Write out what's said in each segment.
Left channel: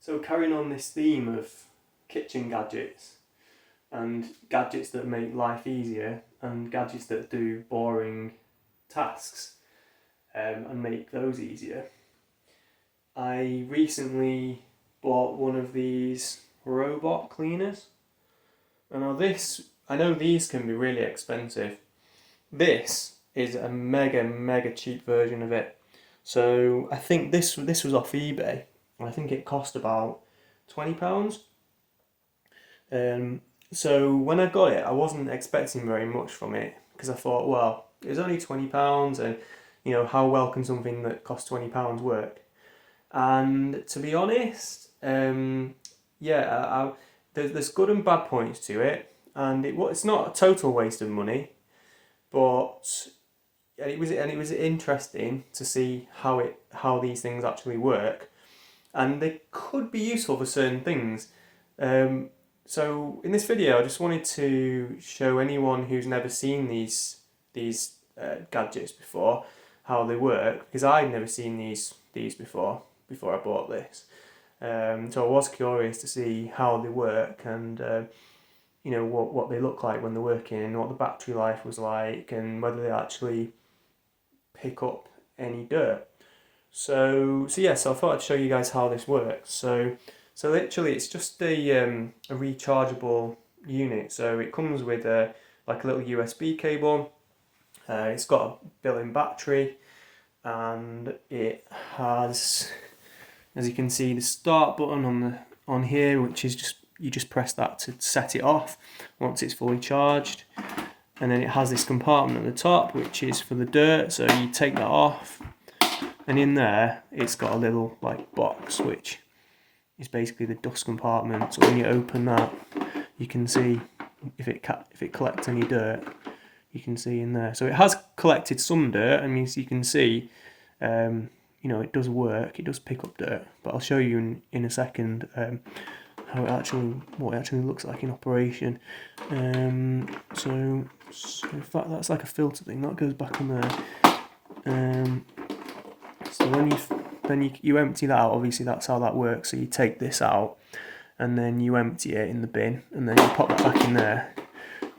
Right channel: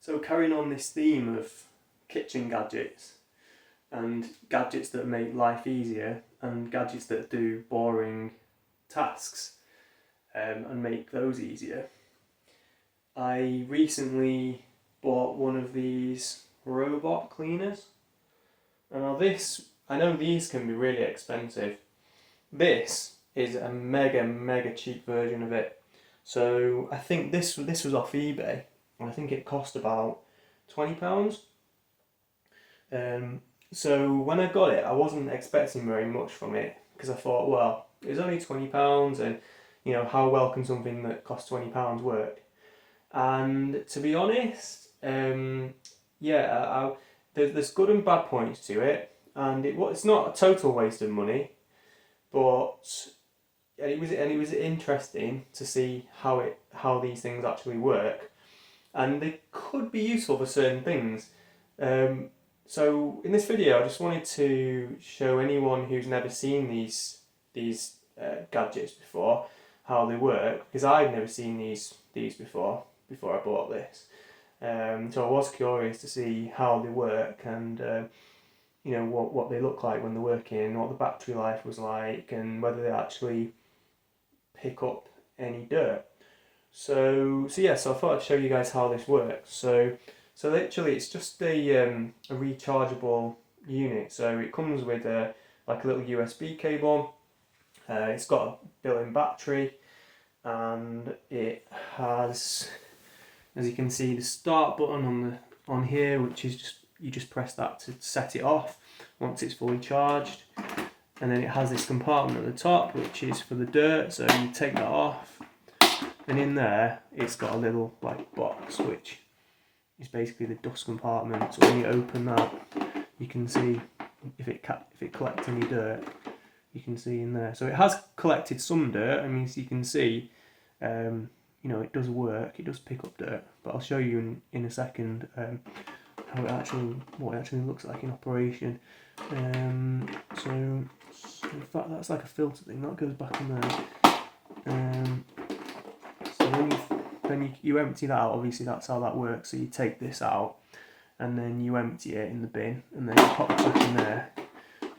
So carrying on this theme of kitchen gadgets and gadgets that make life easier and gadgets that do boring tasks and make those easier, I recently bought one of these robot cleaners. And now this, I know these can be really expensive. This is a mega cheap version of it. So I think this was off eBay. I think it cost about £20. So when I got it, I wasn't expecting very much from it because I thought, well, it was only £20, and you know, how well can something that costs £20 work? And to be honest, there's good and bad points to it, and it's not a total waste of money, but it was interesting to see how these things actually work, and they could be useful for certain things. So in this video, I just wanted to show anyone who's never seen these gadgets before how they work, because I'd never seen these before I bought this. So I was curious to see how they work and you know what they look like when they're working, what the battery life was like, and whether they actually pick up any dirt. So I thought I'd show you guys how this works. So literally it's just a rechargeable unit. So it comes with like a little USB cable. It's got a built-in battery, and it has, as you can see, the start button on here, which is you just press that to set it off once it's fully charged. And then it has this compartment at the top, which is for the dirt, so you take that off, and in there it's got a little like box, which is basically the dust compartment. So when you open that, you can see if it collects any dirt. You can see in there. So it has collected some dirt. I mean, so you can see, you know, it does work. It does pick up dirt. But I'll show you in a second what it actually looks like in operation. So in fact, that's like a filter thing that goes back in there. So when you empty that out, obviously that's how that works. So you take this out, and then you empty it in the bin, and then you pop it back in there.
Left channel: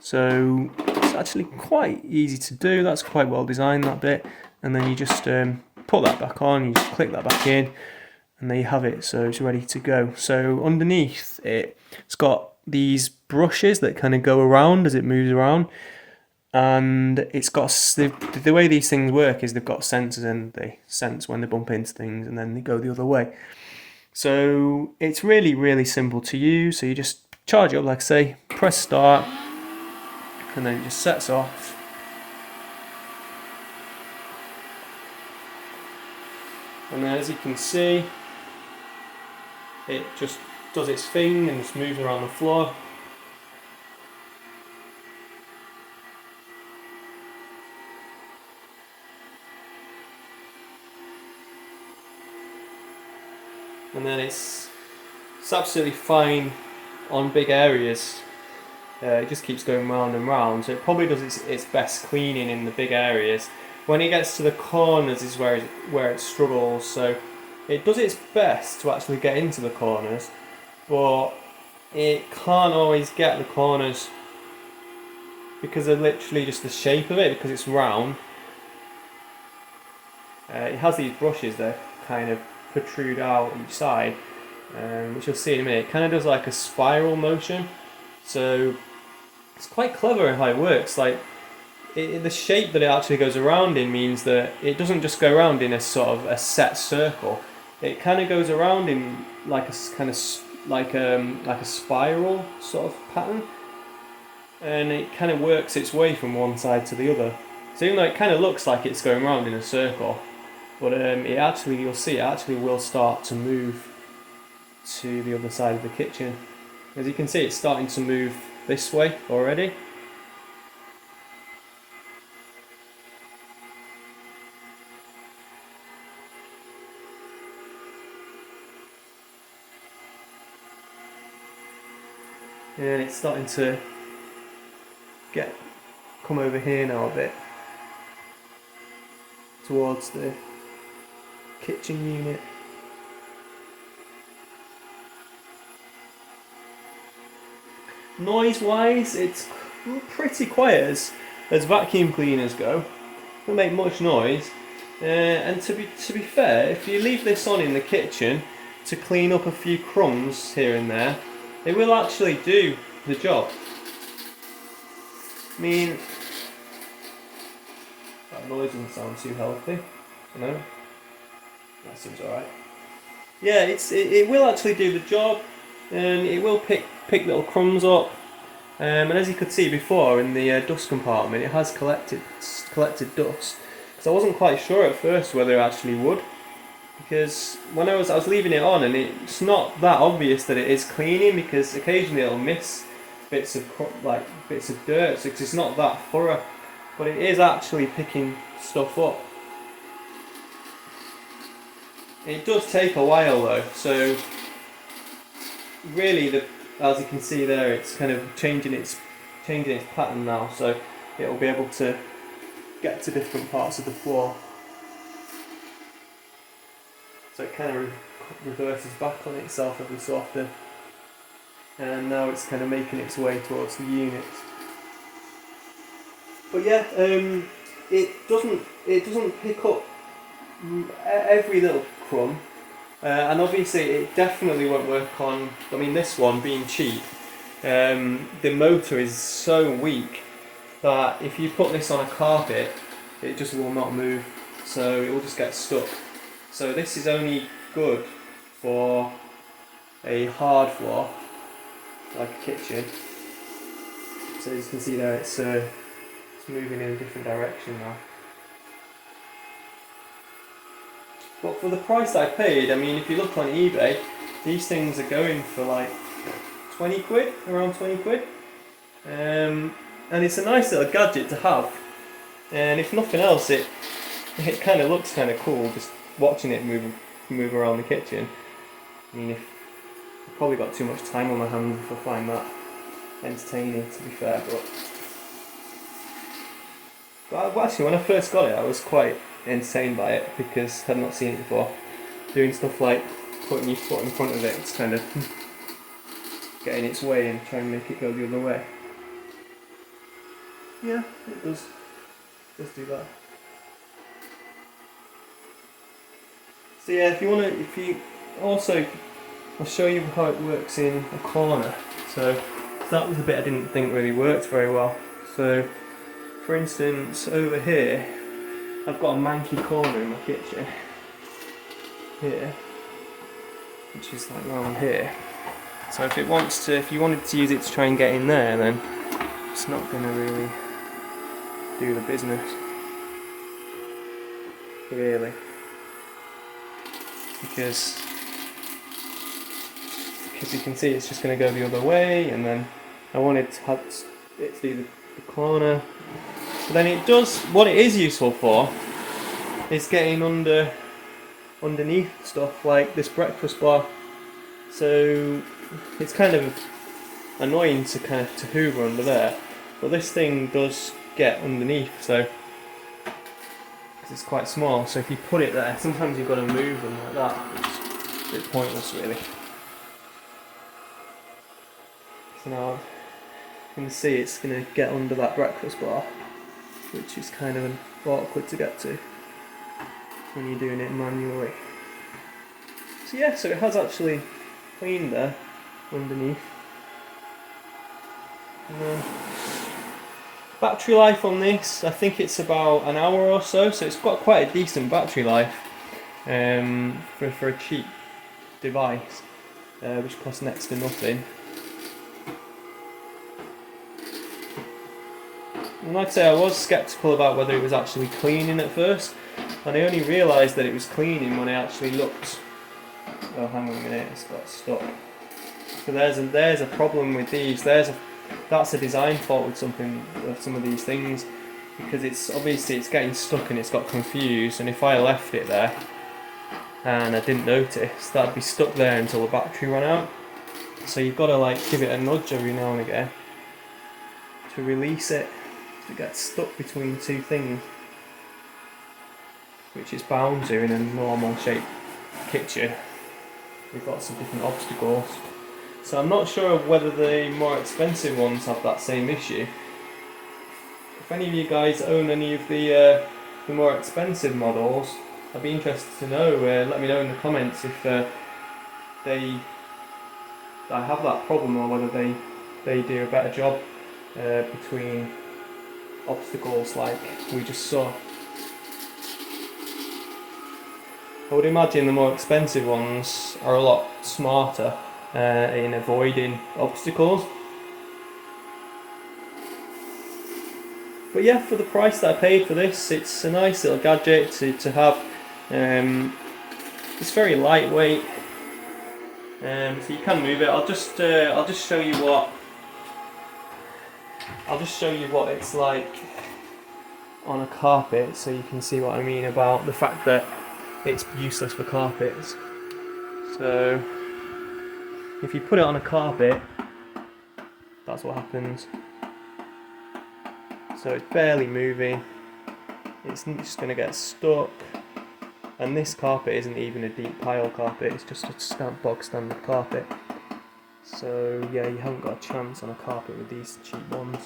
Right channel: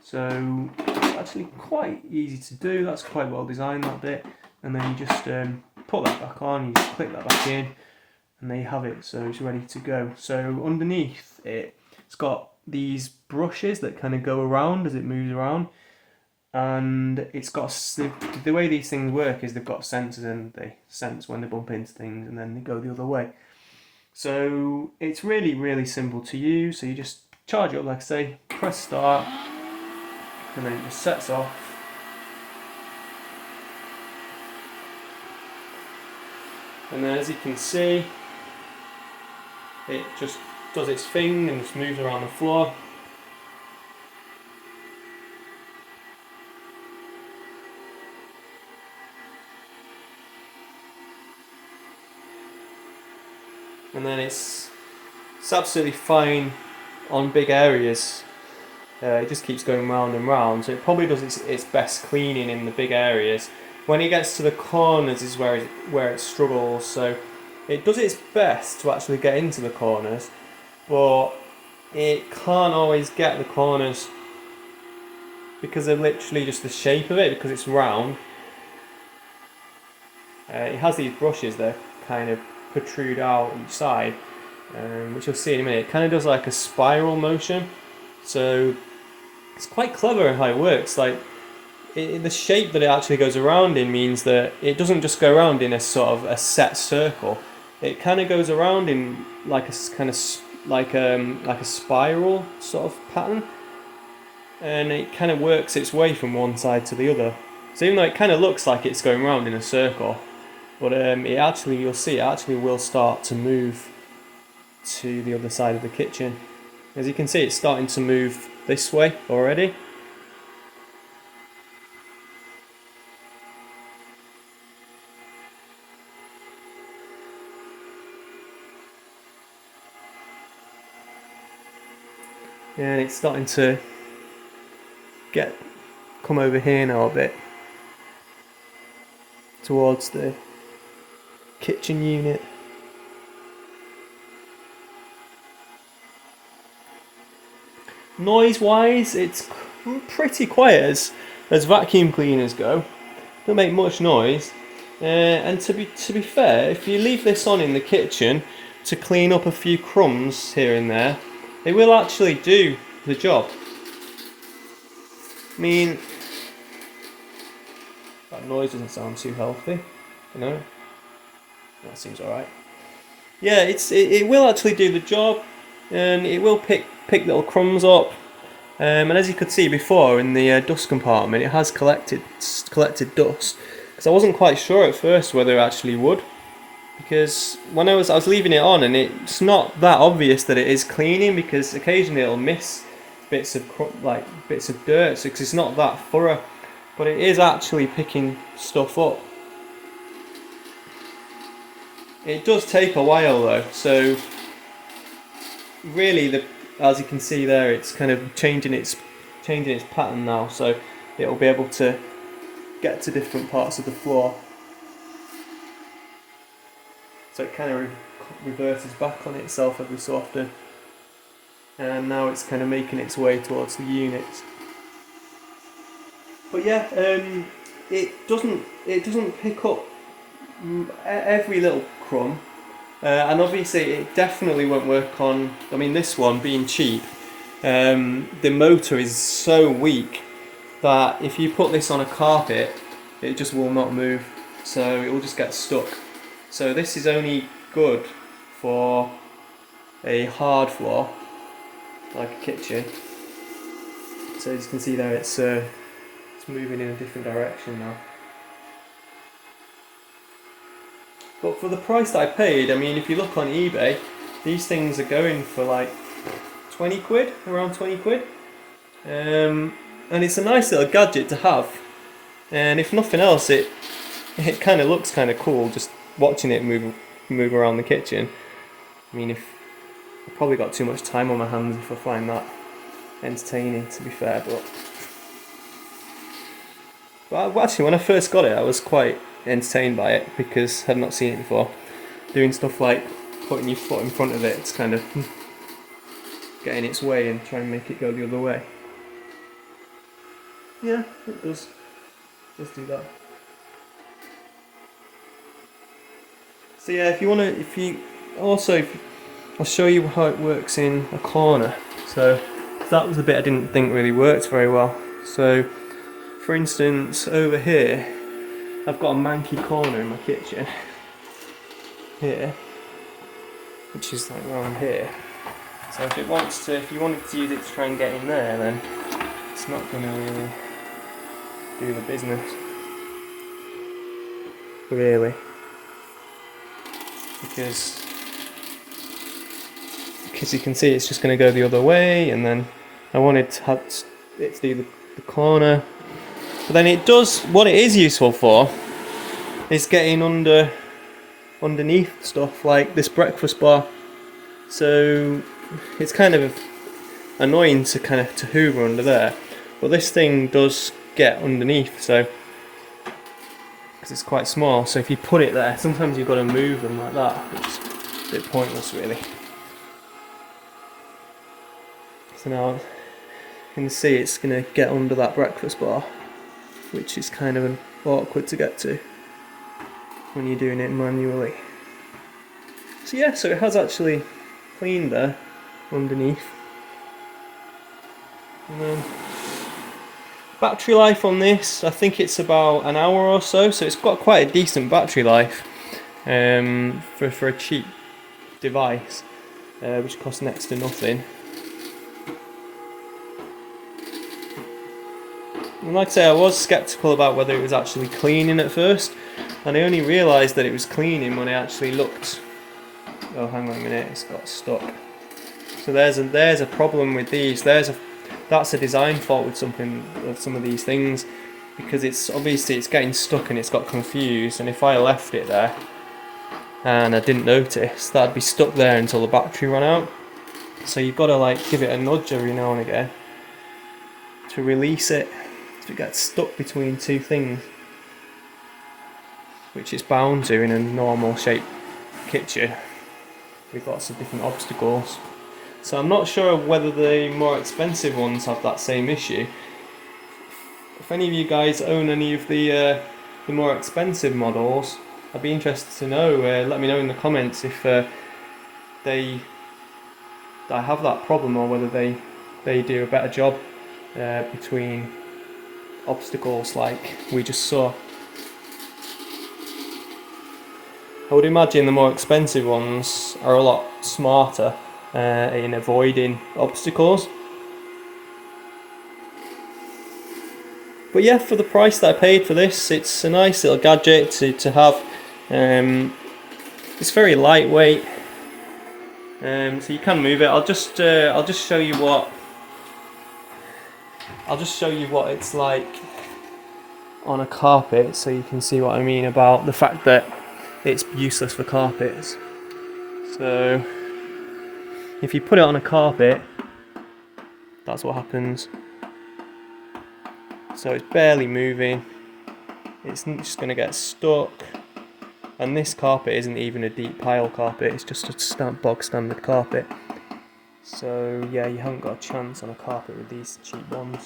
So it's actually quite easy to do. That's quite well designed, that bit. And then you just put that back on, you just click that back in, and there you have it. So it's ready to go. So underneath it's got these brushes that kind of go around as it moves around. And it's got, the way these things work is they've got sensors, and they sense when they bump into things, and then they go the other way. So it's really simple to use. So you just charge it up, like I say, press start, and then it just sets off. And then as you can see, it just does its thing and just moves around the floor. And then it's absolutely fine on big areas. It just keeps going round and round, so it probably does its best cleaning in the big areas. When it gets to the corners is where it struggles, so it does its best to actually get into the corners, but it can't always get the corners because they're literally just the shape of it, because it's round. It has these brushes that kind of protrude out each side, which you'll see in a minute. It kind of does like a spiral motion, so it's quite clever in how it works. Like the shape that it actually goes around in means that it doesn't just go around in a sort of a set circle. It kind of goes around in like a kind of like a spiral sort of pattern, and it kind of works its way from one side to the other. So even though it kind of looks like it's going around in a circle, but you'll see it actually will start to move to the other side of the kitchen. As you can see, it's starting to move this way already. And it's starting to come over here now a bit towards the kitchen unit. Noise wise, it's pretty quiet as vacuum cleaners go. Don't make much noise. And to be fair, if you leave this on in the kitchen to clean up a few crumbs here and there, it will actually do the job. I mean, that noise doesn't sound too healthy. No, that seems alright. Yeah, it will actually do the job, and it will pick little crumbs up. And as you could see before in the dust compartment, it has collected dust. Because I wasn't quite sure at first whether it actually would, because when I was leaving it on, and it's not that obvious that it is cleaning, because occasionally it'll miss bits of dirt, because it's not that thorough, but it is actually picking stuff up. It does take a while though, so really as you can see there, it's kind of changing its pattern now, so it'll be able to get to different parts of the floor. So it kind of reverses back on itself every so often, and now it's kind of making its way towards the units. But yeah, it doesn't pick up every little crumb, and obviously it definitely won't work on, I mean, this one being cheap, the motor is so weak that if you put this on a carpet, it just will not move, so it will just get stuck. So this is only good for a hard floor like a kitchen. So as you can see there, it's moving in a different direction now. But for the price that I paid, I mean, if you look on eBay, these things are going for like 20 quid, around 20 quid. And it's a nice little gadget to have. And if nothing else, it kind of looks kind of cool just watching it move around the kitchen. I mean, I've probably got too much time on my hands if I find that entertaining, to be fair. But actually, when I first got it, I was quite entertained by it because I had not seen it before. Doing stuff like putting your foot in front of it, it's kind of getting its way and trying to make it go the other way. Yeah, it does do that. So yeah, I'll show you how it works in a corner. So that was the bit I didn't think really worked very well. So for instance, over here, I've got a manky corner in my kitchen here, which is like around here. So if you wanted to use it to try and get in there, then it's not going to really do the business, really, because you can see it's just going to go the other way, and then I wanted to have it to do the corner. But then it does, what it is useful for is getting underneath stuff like this breakfast bar. So it's kind of annoying to hoover under there, but this thing does get underneath, so because it's quite small, so if you put it there, sometimes you've got to move them like that. It's a bit pointless really. So now you can see it's going to get under that breakfast bar, which is kind of awkward to get to when you're doing it manually. So yeah, so it has actually cleaned there underneath. And then battery life on this, I think it's about an hour or so it's got quite a decent battery life for a cheap device, which costs next to nothing. And like I say, I was sceptical about whether it was actually cleaning at first, and I only realised that it was cleaning when I actually looked. Oh, hang on a minute, it's got stuck. So there's a problem with these. That's a design fault with some of these things, because it's getting stuck and it's got confused, and if I left it there and I didn't notice, that'd be stuck there until the battery ran out. So you've got to like give it a nudge every now and again to release it. If it gets stuck between two things, which it's bound to in a normal shaped kitchen with lots of different obstacles. So I'm not sure whether the more expensive ones have that same issue. If any of you guys own any of the more expensive models, I'd be interested to know. Let me know in the comments if they have that problem, or whether they do a better job between obstacles like we just saw. I would imagine the more expensive ones are a lot smarter in avoiding obstacles. But yeah, for the price that I paid for this, it's a nice little gadget to have. It's very lightweight, so you can move it. I'll just show you what it's like on a carpet, so you can see what I mean about the fact that it's useless for carpets. So if you put it on a carpet, that's what happens. So it's barely moving, it's just going to get stuck, and this carpet isn't even a deep pile carpet, it's just a bog standard carpet. So yeah, you haven't got a chance on a carpet with these cheap ones.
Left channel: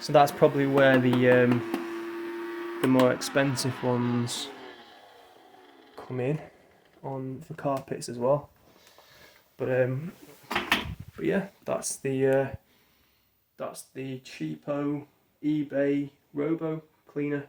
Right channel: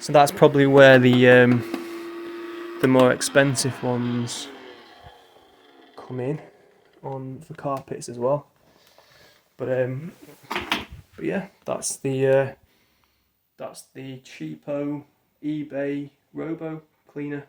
So that's probably where the more expensive ones come in on the carpets as well. But yeah, that's the cheapo eBay Robo Cleaner